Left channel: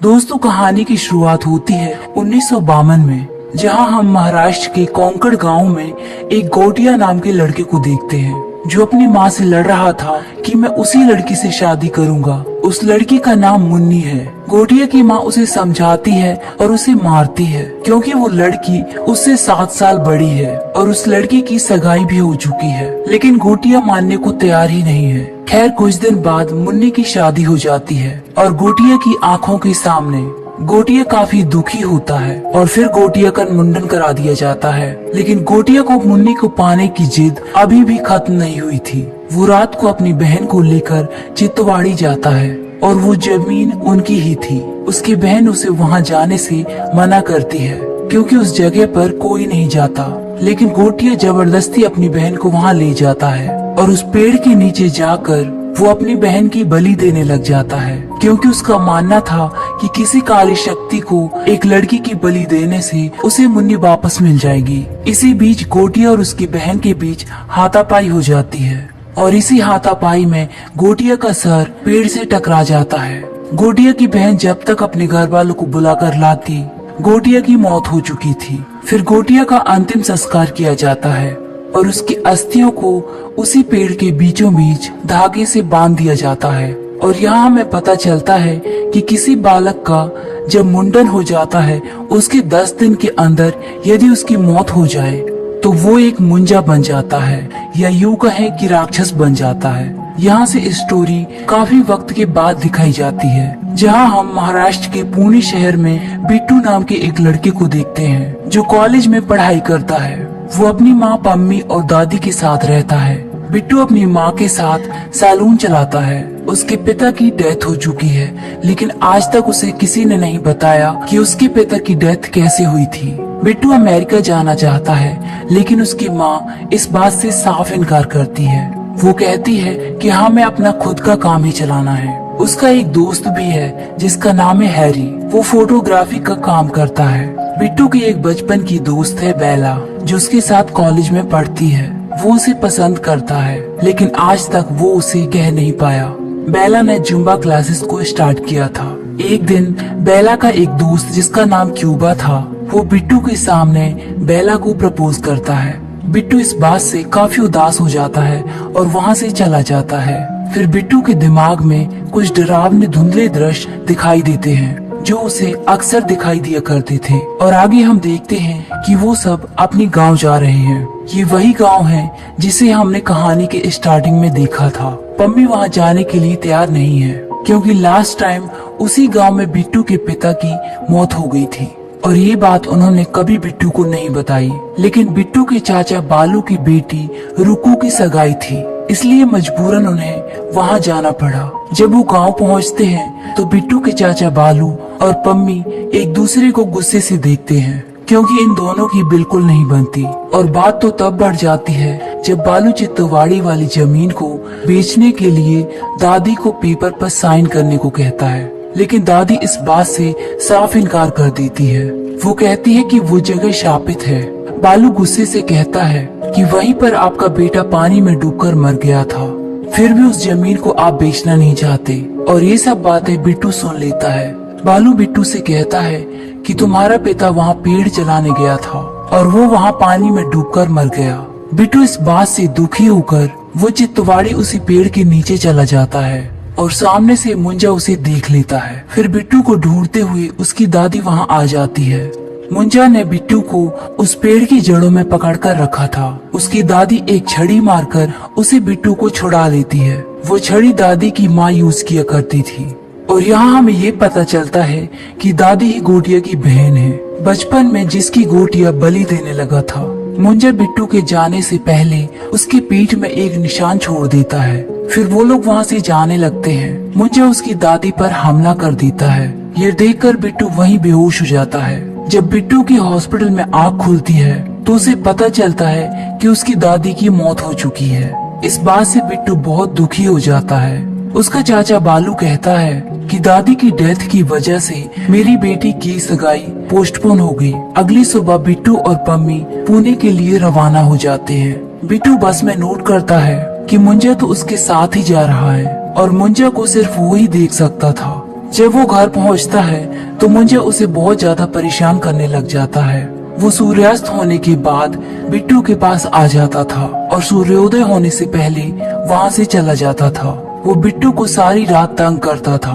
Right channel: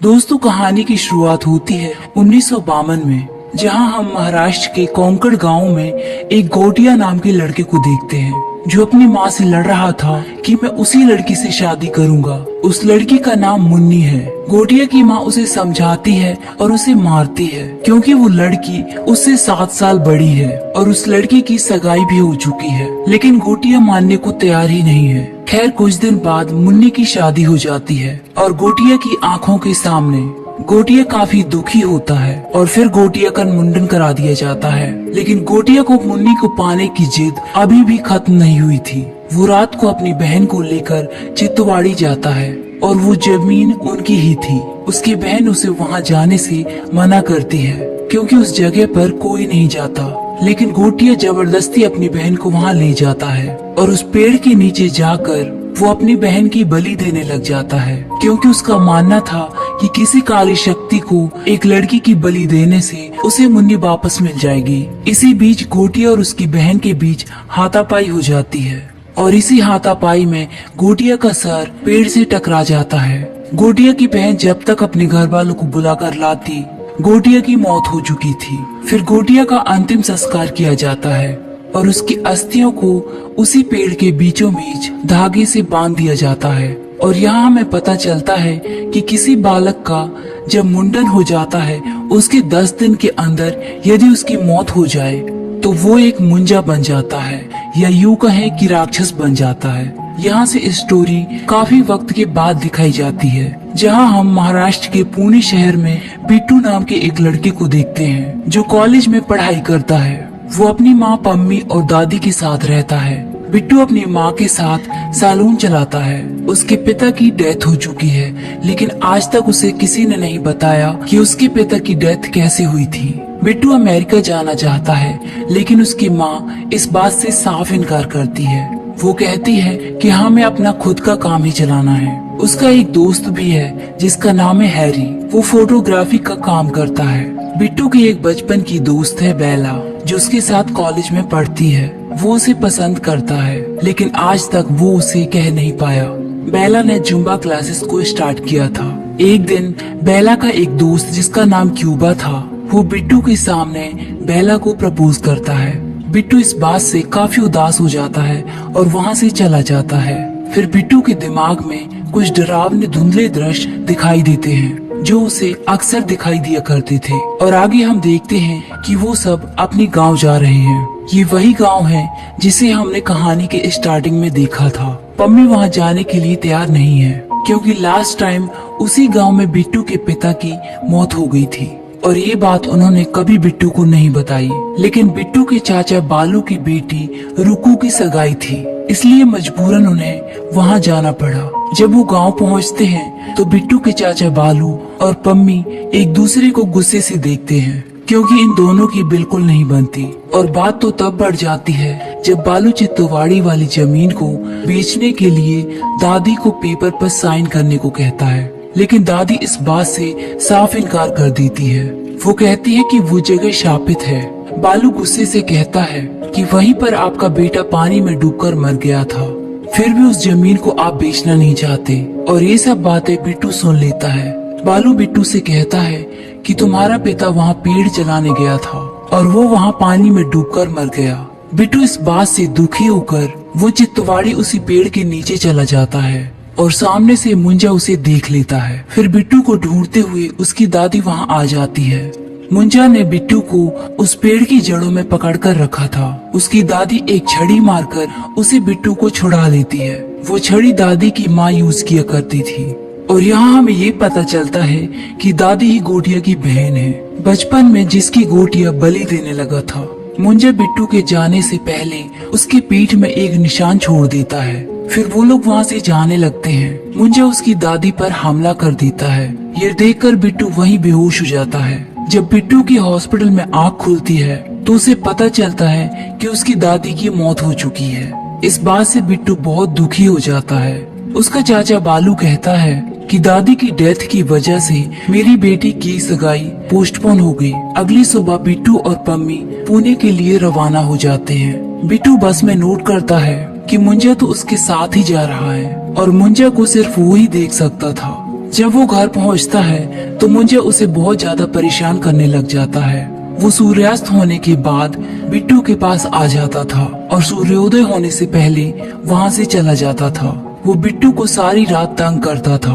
दोस्तों, कहानी की शुरुआत होती है 1952 में, जहां हम महाराष्ट्र के कोंकण गांव में एक गोटिया नाम के लड़के को देखते हैं जो अपनी माँ से लड़ रहा था कि मैं उसी लड़की से शादी करूंगा। उस लड़की का नाम मुन्नी है। गोटिया की माँ उसे समझाती है और उसे मारती है क्योंकि वो लड़की उससे 7 साल बड़ी है और उस लड़की की सगाई भी हो चुकी है, लेकिन गोटिया मानने को तैयार ही नहीं है। खैर, कुछ दिन बाद मुन्नी की शादी हो जाती है और गोटिया की आंखों के सामने गोटिया काफी दुखी होता है और फिर गोटिया का मुंडन करा दिया जाता है। लेकिन गोटिया को मुन्नी को पाने की जिद अभी भी खत्म नहीं हुई थी। वो रात को अपनी बहन को लेकर चित्तवाड़ी जाता है और वो जमीन उनकी ही थी। उसकी बहन उसे वहाँ जाने से मना करती है क्योंकि उस जगह पर कोई नहीं जाता, लेकिन गोटिया जबरदस्ती अपनी बहन को वहाँ ले जाता है और उस पेड़ के नीचे जाकर वो अपनी बहन की बलि देने लग जाता है क्योंकि उसका मानना था कि किसी काली शक्ति को एक लड़की की बलि देने से उसे मुन्नी वापस मिल जाएगी। इसी बीच गोटिया और उसकी बहन के बीच हाथापाई हो जाती है और इसी हाथापाई में गोटिया का सर पेड़ से टकरा जाता है। गोटिया की बहन जब तक अपने घर वालों को बुलाकर लाती, गोटिया की मौत हो चुकी थी। फिर गोटिया का अंतिम संस्कार किया जाता है और उसकी अस्थियों को उसी पेड़ के बीचों बीच धागे से बांध दिया जाता है। और यहाँ हमें पता चलता है कि किसी बालक का जब मुंडन हो जाता है, उसके 10 दिन के अंदर यदि उसकी मौत हो जाए तो वो एक मुंजा बन जाता है, या यूं कहें कि राक्षस बन जाता है। यहाँ से स्टोरी काफी वक्त के बाद दिखाई जाती है, जहाँ हम महाराष्ट्र के पुणे शहर में बिट्टू नाम के एक लड़के को देखते हैं जो कॉलेज में पढ़ाई करता है। वो अपनी माँ, पम्मी और दादी के साथ रहता है। बिट्टू अपनी माँ के साथ सैलून चलाता है। उसके पिता की डेथ हो चुकी है, लेकिन आज तक उसे किसी ने नहीं बताया कि उसके पिता की डेथ कैसे हुई थी। बिट्टू अमेरिका जाना चाहता है, लेकिन उसकी माँ इस बात से साफ इनकार करती है। वो कहती है कि हमें अपना खुद का काम ही चलाना है। उसका एक दोस्त भी है जिसका नाम है हैरी। वो फोटोग्राफी का काम करता है। बिट्टू की एक बचपन की दोस्त है बेला, जो उसके साथ कॉलेज में पढ़ती है। वो उसे पसंद करता है, लेकिन आज तक वो उसे कह नहीं पाया। बेला ने जुम्बा क्लासेस को स्टार्ट किया था। एक दिन बेला का एक दोस्त जिसका नाम क्यूबा था, वो बिट्टू के सामने बेला को प्रपोज करता है। बिट्टू इस बात से काफी उदास हो जाता है और वहाँ से चला जाता है। फिर बिट्टू के दिमाग में कुछ डरावने धुंधले दृश्य दिखाई देते हैं जो उसे अक्सर दिखाई दिया करते थे। और आगे हम देखते हैं कि वो सब अपने गांव जा रहे हैं। ये वही गांव है जिसे हमने कहानी के स्टार्टिंग में देखा था। पम्मी वहां जाने के लिए तैयार नहीं है क्योंकि लास्ट टाइम उसी गांव में बिट्टू के पिता की मौत हो गई थी और ये बात उन्होंने कभी बिट्टू को नहीं बताई। लेकिन बिट्टू के चाचा बालू की बेटी रुकू की सगाई थी, इसलिए मजबूरन उन्हें वहां जाना पड़ा। जब वो गांव पहुंचते हैं तो बिट्टू के चाचा बालू और पम्मी एक दूसरे को गुस्से से देखते हैं क्योंकि इन दोनों की बिल्कुल नहीं बनती। और बात तो तब बढ़ जाती है जब बालू चित्तवाड़ी वाली जमीन को बेचने के लिए दादी को पेपर पर साइन करने को कहता है, लेकिन दादी इस बात से साफ इनकार कर देती है। वो कहती है कि वो जगह शापित है। बालू गुस्से से कहता है कि वहीं पर आपका बेटा पानी में डूबकर मर गया था, फिर भी उस जमीन को आप बेचना नहीं चाहते। और ये सब बातें बिट्टू सुन लेता है। बालू बिट्टू से कहता है कि तुम्हारा पिता वहाँ पेड़ जलाने गया था और वो वहाँ पानी में डूबकर मर गया। बिट्टू इस बात से दुखी होकर वो चित्तवाड़ी उसी पेड़ के नीचे चला जाता है और सामने से मुंजा उसे देख लेता है। फिर बिट्टू को ढूंढते हुए उसकी दादी वहाँ आ जाती है। मुंजा ने बिट्टू को उस पेड़ की जड़ों में पकड़कर रखा था। उसकी दादी एक छड़ी मारकर उसे बिट्टू को छुड़ा लेती है। वो छड़ी दादी की माँ यूज किया करती थी। और यहाँ हमें ये पता चलता है कि दादी ही गोटिया की बहन है, बचपन में जिसकी गोटिया बलि देने लगा था। मुंजा बिट्टू के जाने से पहले उसके पीठ में एक निशान छोड़ देता है। फिर वो लोग वहाँ से जाने लगते हैं। मुंजा उसकी दादी पर हमला कर देता है। ये देखकर बिट्टू वहीं बेहोश हो जाता है। जब बिट्टू की हॉस्पिटल में आँख खुलती है तो उसे पता चलता है कि उसकी दादी की मौत हो चुकी है। इस बात से बिट्टू बहुत दुखी हो जाता है। उसका चाचा बालू कहता है कि दादी की डेथ की वजह से मेरी बेटी की सगाई पोस्टपोन हो गई। अगली सुबह बिट्टू और पम्मी पुणे के लिए रवाना हो जाते हैं। बिट्टू बस में नोट करता है कि मुंजा तो उसके साथ ही जा रहा है और मुंजा को सिर्फ वो ही देख सकता था। जब वो घर पहुंचता है तो मुंजा उसे बहुत ज्यादा परेशान करने लग जाता है। वो सूर्यास्त होने के बाद बिट्टू के पास आ जाता था और सूर्योदय होने से पहले वहाँ से चला जाता था। वो बिट्टू को सारी रात तंग करता था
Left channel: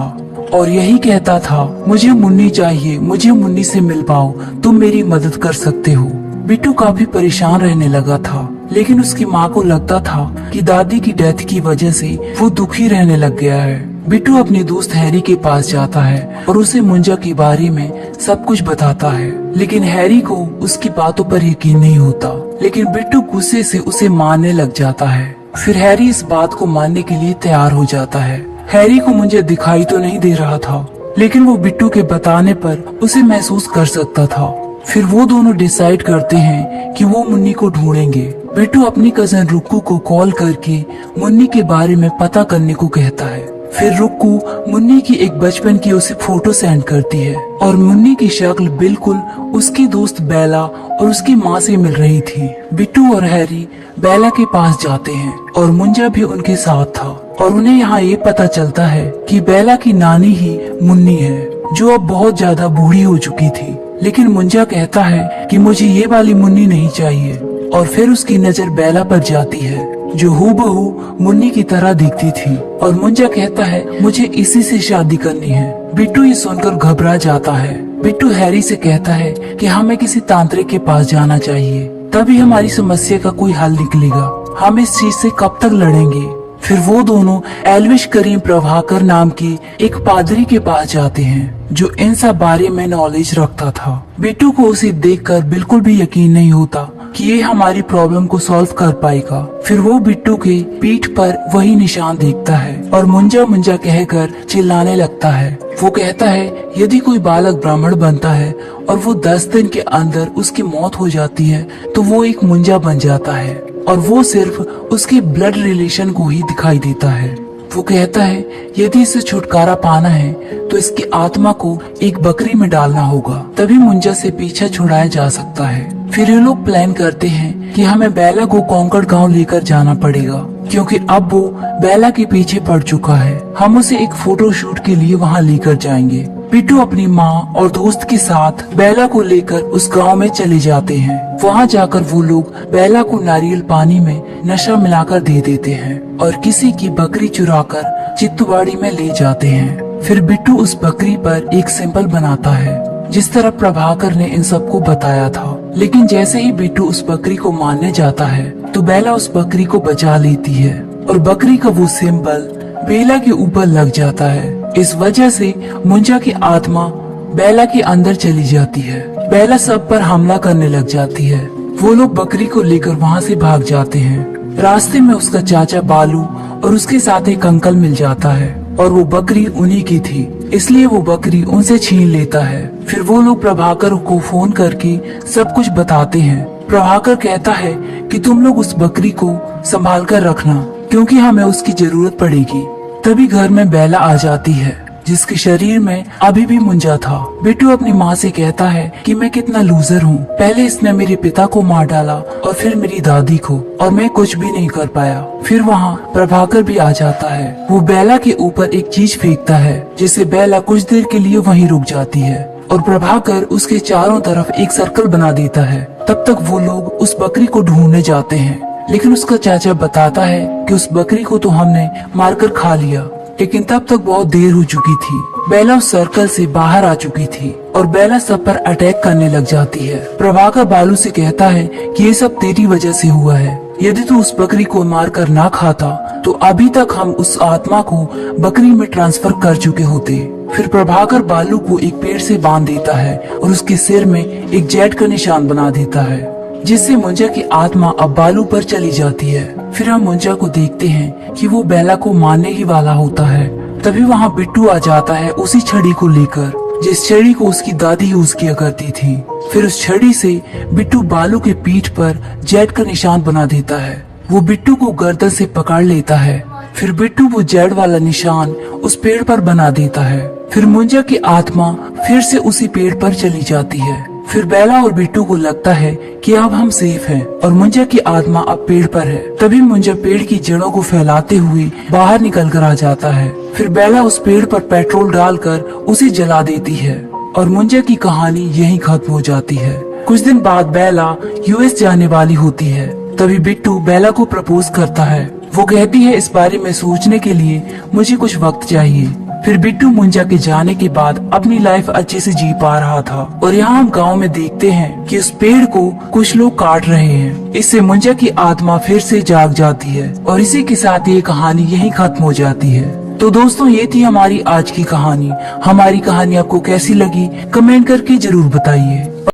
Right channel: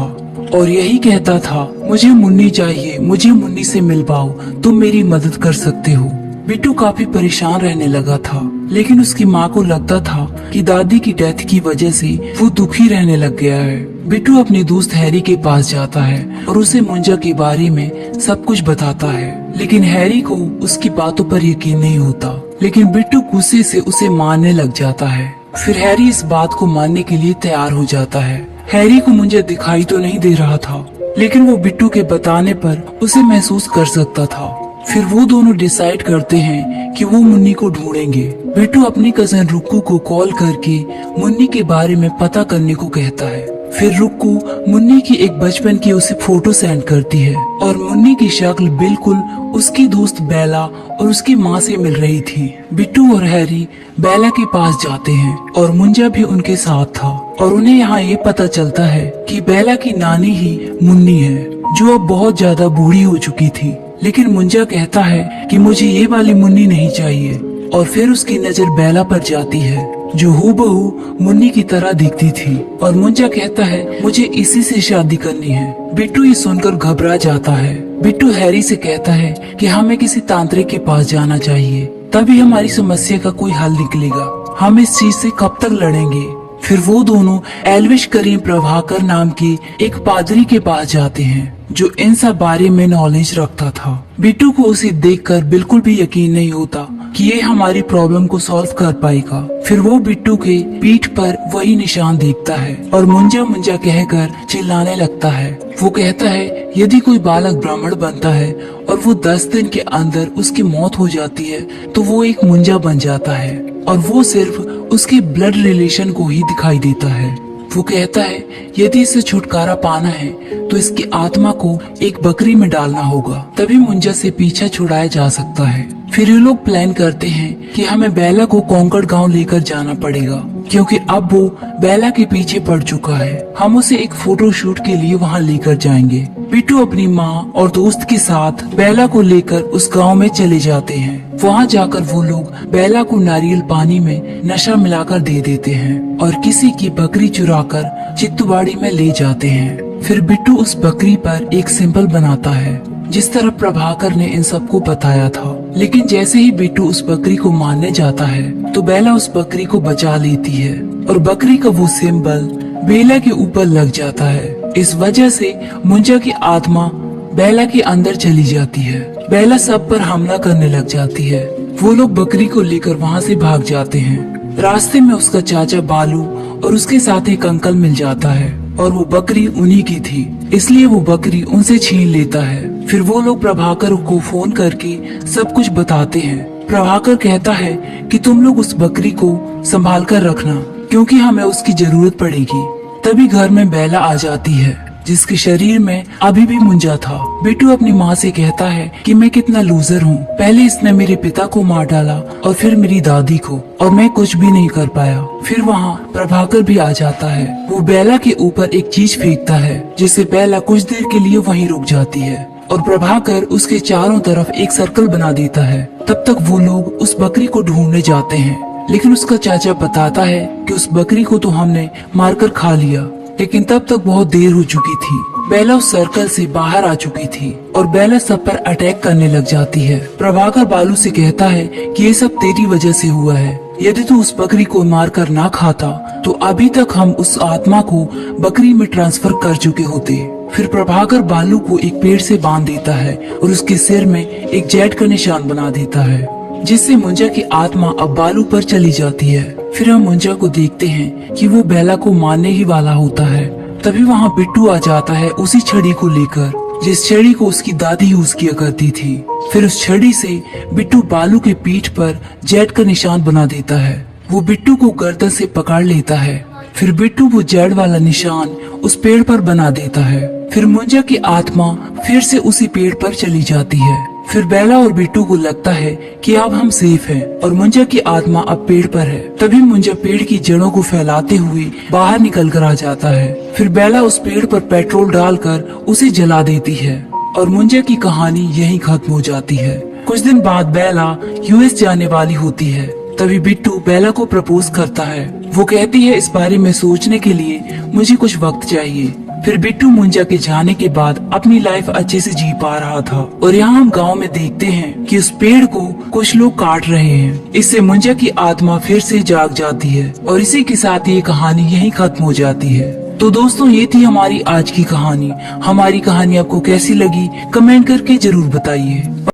और यही कहता था, मुझे मुन्नी चाहिए, मुझे मुन्नी से मिल पाओ, तुम मेरी मदद कर सकते हो। बिट्टू काफी परेशान रहने लगा था, लेकिन उसकी माँ को लगता था कि दादी की डेथ की वजह से वो दुखी रहने लग गया है। बिट्टू अपने दोस्त हैरी के पास जाता है और उसे मुंजा के बारे में सब कुछ बताता है, लेकिन हैरी को उसकी बातों पर यकीन नहीं होता। लेकिन बिट्टू गुस्से से उसे मारने लग जाता है। फिर हैरी इस बात को मानने के लिए तैयार हो जाता है। हैरी को मुंजा दिखाई तो नहीं दे रहा था, लेकिन वो बिट्टू के बताने पर उसे महसूस कर सकता था। फिर वो दोनों डिसाइड करते हैं कि वो मुन्नी को ढूंढेंगे। बिट्टू अपनी कजन रुक्कू को कॉल करके मुन्नी के बारे में पता करने को कहता है। फिर रुक्कू मुन्नी की एक बचपन की उसे फोटो सेंड करती है और मुन्नी की शक्ल बिल्कुल उसकी दोस्त बेला और उसकी माँ से मिल रही थी। बिट्टू और हैरी बेला के पास जाते हैं और मुंजा भी उनके साथ था और उन्हें यहाँ ये पता चलता है कि बेला की नानी ही मुन्नी है, जो अब बहुत ज्यादा बूढ़ी हो चुकी थी। लेकिन मुंजा कहता है कि मुझे ये वाली मुन्नी नहीं चाहिए और फिर उसकी नजर बेला पर जाती है, जो हूबहू मुन्नी की तरह दिखती थी और मुंजा कहता है, मुझे इसी से शादी करनी है। बिट्टू ये सुनकर घबरा जाता है। बिट्टू हैरी से कहता है कि हमें किसी तांत्रिक के पास जाना चाहिए, तभी हमारी समस्या का कोई हल निकलेगा। हम इस चीज से कब तक लड़ेंगे। फिर वो दोनों एल्विश करीम प्रभाकर नाम के एक पादरी के पास जाते हैं, जो इन सब बारे में नॉलेज रखता था। बिट्टू को उसे देखकर बिल्कुल भी यकीन नहीं होता कि ये हमारी प्रॉब्लम को सॉल्व कर पाएगा। फिर वो बिट्टू के पीठ पर वही निशान देखता है और मुंजा मुंजा कहकर चिल्लाने लगता है। वो कहता है, यदि कोई बालक ब्राह्मण बनता है और वो 10 दिन के अंदर उसकी मौत हो जाती है तो वो एक मुंजा बन जाता है और वो सिर्फ उसके ब्लड रिलेशन को ही दिखाई देता है। वो कहता है, यदि इसे छुटकारा पाना है तो इसकी आत्मा को एक बकरी में डालना होगा, तभी मुंजा से पीछा छुड़ाया जा सकता है। फिर ये लोग प्लान करते हैं कि हमें बेला को कॉन्कर्ड गांव लेकर जाना पड़ेगा, क्योंकि अब वो बेला के पीछे पड़ चुका है। हम उसे एक फोटो शूट के लिए वहाँ लेकर जाएंगे। बिट्टू अपनी माँ और दोस्त के साथ बेला को लेकर उस गांव में चले जाते हैं। वहाँ जाकर वो लोग बेला को नारियल पानी में नशा मिलाकर दे देते हैं और किसी की बकरी चुराकर चित्तवाड़ी में ले जाते हैं। फिर बिट्टू उस बकरी पर एक सिंबल बनाता है, जिस तरह प्रभाकर ने इन सबको बताया था। लेकिन जैसे ही बिट्टू उस बकरी को मारने जाता है तो बेला उस बकरी को बचा लेती है और बकरी का वो सिंबल बेला के ऊपर लग जाता है। इस वजह से मुंजा की आत्मा बेला के अंदर चली जाती है। बेला सब पर हमला करने लग जाती है। वो लोग बकरी को लेकर वहाँ से भाग जाते हैं। रास्ते में उसका चाचा बालू और उसके साथ एक अंकल मिल जाता है और वो बकरी उन्हीं की थी, इसलिए वो बकरी उनसे छीन लेता है। फिर वो लोग प्रभाकर को फोन करके सब कुछ बताते हैं। प्रभाकर कहता है कि तुम लोग उस बकरी को संभाल कर रखना, क्योंकि हमें उसकी जरूरत पड़ेगी। तभी घर में बेला आ जाती है, जिसके शरीर में अभी भी मुंजा था। बिट्टू अपनी माँ से कहता है कि मैं कितना लूजर हूँ, पहले इसने मेरे पिता को मार डाला और फिर मेरी दादी को, और मैं कुछ भी नहीं कर पाया। फिर वहाँ प्रभाकर भी आ जाता है। वो बेला के ऊपर एक चीज फेंकता है, जिससे बेला कुछ देर के लिए वहीं रुक जाती है और प्रभाकर उसके चारों तरफ एक सर्कल बना देता है। तब तक वो लोग उस बकरी को ढूंढने जाते हैं, लेकिन उसका चाचा बताता है कि उस बकरी को तो हमने मारकर खा लिया। लेकिन तब तक बहुत देर हो चुकी थी। बेला उस सर्कल से बाहर आ चुकी थी और बेला सब पर अटैक करने लग जाती है। प्रभाकर बालू से कहता है कि ये सब तेरी वजह से हुआ है। यदि तू उस बकरी को मारकर ना खाता तो अभी तक हम उस आत्मा को बकरी में ट्रांसफर कर चुके होते। फिर प्रभाकर बालू को एक पेड़ से बांध देता है और उसके सिर में एक जेड का निशान बना देता है, जिससे मुंजा की आत्मा अब बालू पर चली जाती है। फिर हम मुंजा को देखते हैं कि वो बेला को मारने ही वाला होता है। तभी वहाँ बिट्टू आ जाता है उसी छड़ी को लेकर, जिस छड़ी को उसकी दादी यूज किया करती थी। फिर उस छड़ी से बिट्टू बालू के पीठ पर जेड का निशान बना देता है। वो बिट्टू को गर्दन से पकड़ लेता है। फिर बिट्टू वो जेड वाला निशान उस पेड़ पर बना देता है। फिर मुंजा की आत्मा फिर से उसी पेड़ पर चली जाती है। फिर बेला और बिट्टू को लगता है कि अब हम सेफ हैं और मुंजा की आत्मा अब पेड़ पर है। तभी मुंजा पेड़ की जड़ों को फैलाते हुए बाहर निकल कर आ जाता है। फिर बेला उस पेड़ पर पेट्रोल डालकर उसे जला देती है और मुंजा की कहानी यहीं खत्म हो जाती है। कुछ दिन बाद बेला यूएस जाने वाली होती है। तभी बिट्टू बेला को प्रपोज करता है। वो कहती है इस बारे में सोचने के लिए मुझे कुछ वक्त चाहिए। फिर बिट्टू मुंजा के जाने के बाद अपनी लाइफ अच्छे से जी पा रहा था और यहाँ हम गांव में देखते हैं कि उस पेड़ को कुछ लोग काट रहे हैं। इससे मुंजा की आत्मा फिर से जाग जाती है और इसी के साथ ये कहानी यहीं खत्म हो जाती है। तो दोस्तों ये थी हमारी आज की कहानी। हमारी कहानी आपको कैसी लगी कमेंट करके जरूर बताइए।